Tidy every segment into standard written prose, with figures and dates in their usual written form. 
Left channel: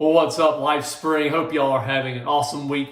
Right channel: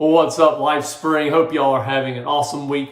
Well, what's up, Life Spring? Hope y'all are having an awesome week.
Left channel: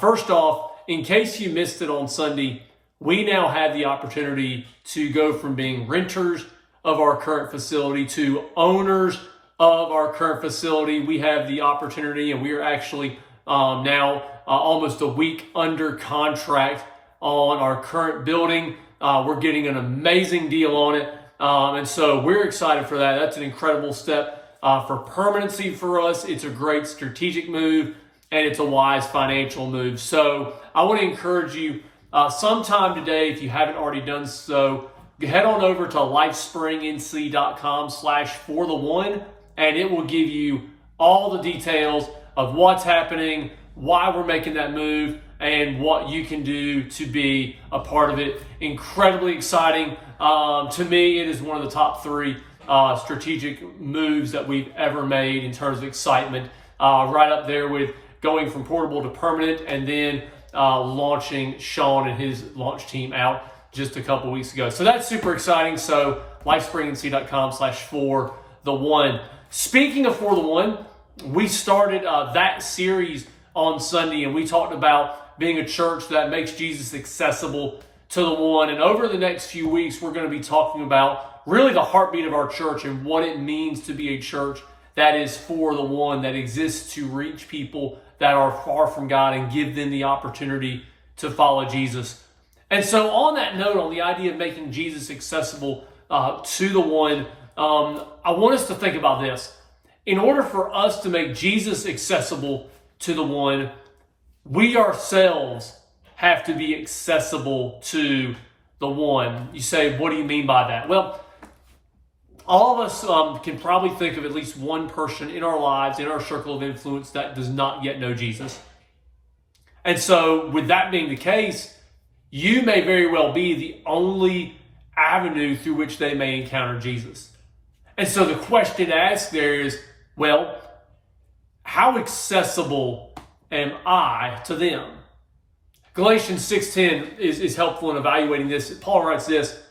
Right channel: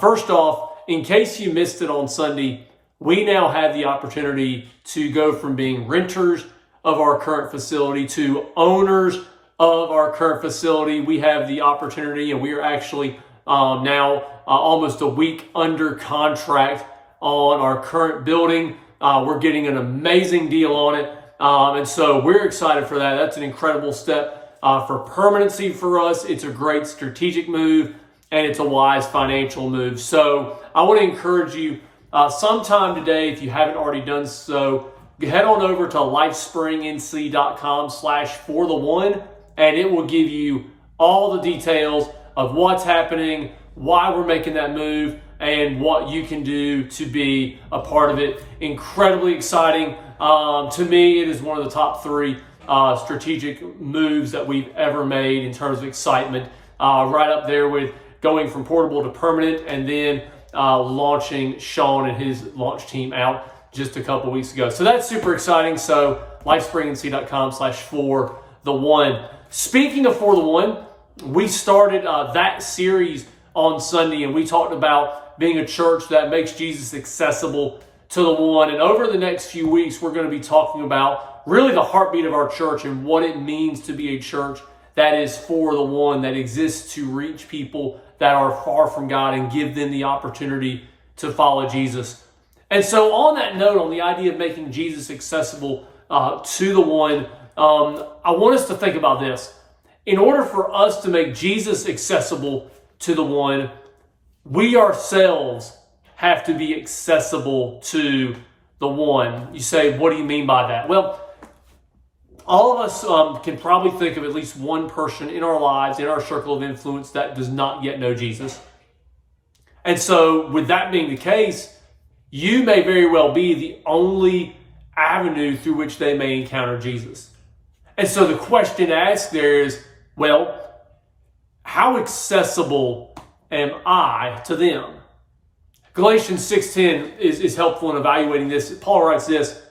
First off, in case you missed it on Sunday, we now have the opportunity to go from being renters of our current facility to owners of our current facility. We have the opportunity, and we are actually now almost a week under contract on our current building. We're getting an amazing deal on it, and so we're excited for that. That's an incredible step for permanency for us. It's a great strategic move, and it's a wise financial move. So I want to encourage you sometime today, if you haven't already done so, head on over to lifespringnc.com/forthe1, and it will give you all the details of what's happening, why we're making that move, and what you can do to be a part of it. Incredibly exciting. To me, it is one of the top three strategic moves that we've ever made in terms of excitement. Right up there with going from portable to permanent, and then launching Sean and his launch team out just a couple weeks ago. So that's super exciting. So lifespringnc.com/forthe1. Speaking of For the One, we started that series on Sunday, and we talked about being a church that makes Jesus accessible to the one. And over the next few weeks, we're going to be talking about really the heartbeat of our church and what it means to be a church that is for the one, that exists to reach people that are far from God and give them the opportunity to follow Jesus. And so on that note, on the idea of making Jesus accessible to the one, I want us to think about this. In order for us to make Jesus accessible to the one, we ourselves have to be accessible to the one. You say, what do you mean by that? Well, all of us can probably think of at least one person in our lives, in our circle of influence, that does not yet know Jesus. And so with that being the case, you may very well be the only avenue through which they may encounter Jesus. And so the question asked there is, well, how accessible am I to them? Galatians 6:10 is helpful in evaluating this. Paul writes this:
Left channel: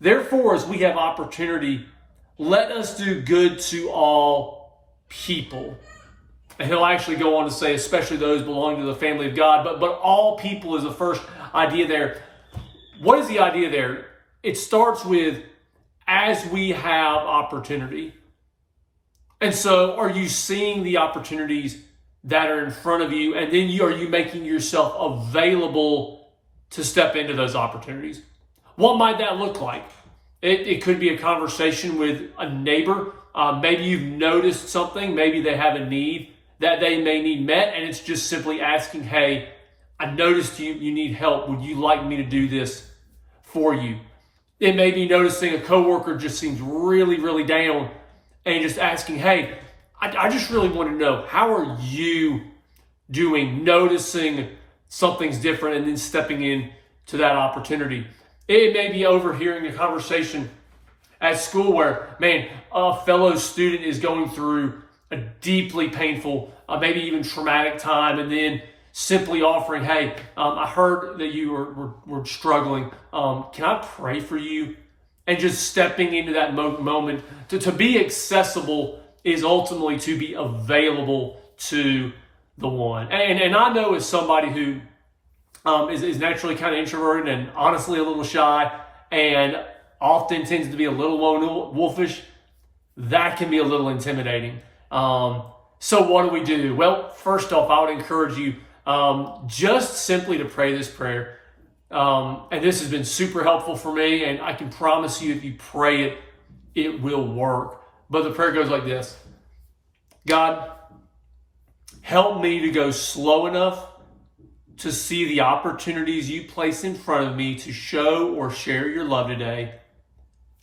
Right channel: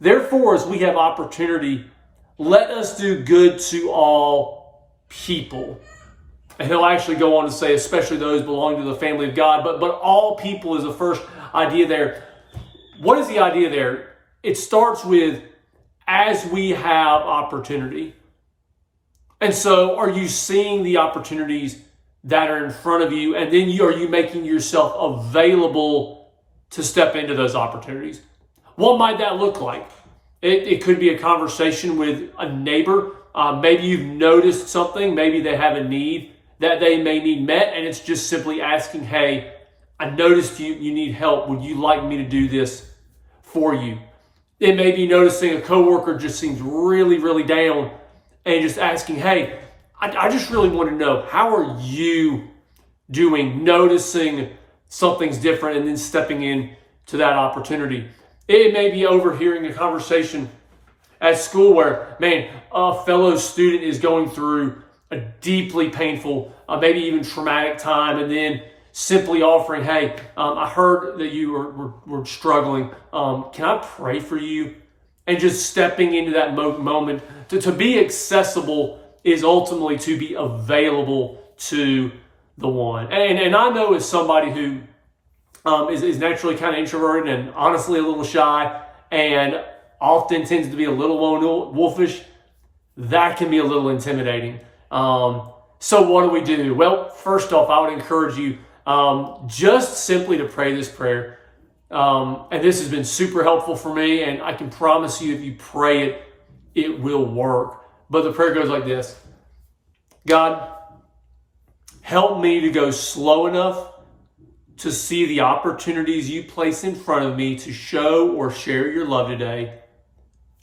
therefore, as we have opportunity, let us do good to all people. And he'll actually go on to say, especially those belonging to the family of God, but all people is the first idea there. What is the idea there? It starts with, as we have opportunity. And so are you seeing the opportunities that are in front of you? And then are you making yourself available to step into those opportunities? What might that look like? It could be a conversation with a neighbor. Maybe you've noticed something. Maybe they have a need that they may need met. And it's just simply asking, hey, I noticed you need help. Would you like me to do this for you? It may be noticing a coworker just seems really, really down, and just asking, hey, I just really want to know, how are you doing? Noticing something's different and then stepping in to that opportunity. It may be overhearing a conversation at school where, man, a fellow student is going through a deeply painful, maybe even traumatic time, and then simply offering, hey, I heard that you were struggling. Can I pray for you? And just stepping into that moment. To be accessible is ultimately to be available to the one. And I know as somebody who is naturally kind of introverted and honestly a little shy and often tends to be a little lone wolfish, that can be a little intimidating. So what do? Well, first off, I would encourage you just simply to pray this prayer. And this has been super helpful for me, and I can promise you if you pray it, it will work. But the prayer goes like this: God, help me to go slow enough to see the opportunities you place in front of me to show or share your love today,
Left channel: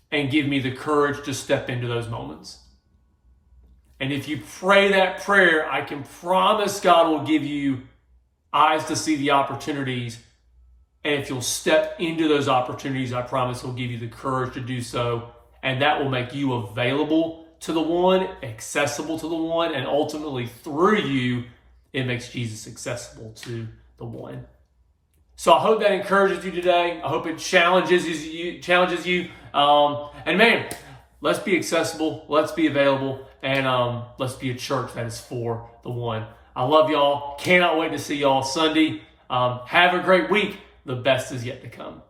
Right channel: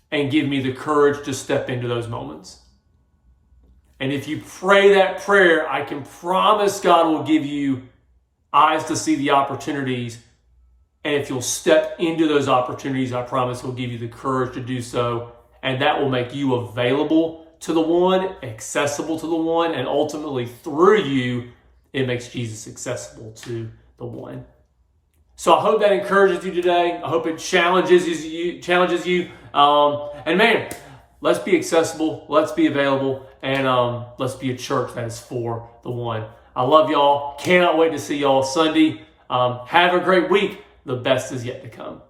and give me the courage to step into those moments. And if you pray that prayer, I can promise God will give you eyes to see the opportunities. And if you'll step into those opportunities, I promise He'll give you the courage to do so. And that will make you available to the one, accessible to the one, and ultimately through you, it makes Jesus accessible to the one. So I hope that encourages you today. I hope it challenges you. And man, let's be accessible, let's be available, and let's be a church that is for the one. I love y'all. Cannot wait to see y'all Sunday. Have a great week. The best is yet to come.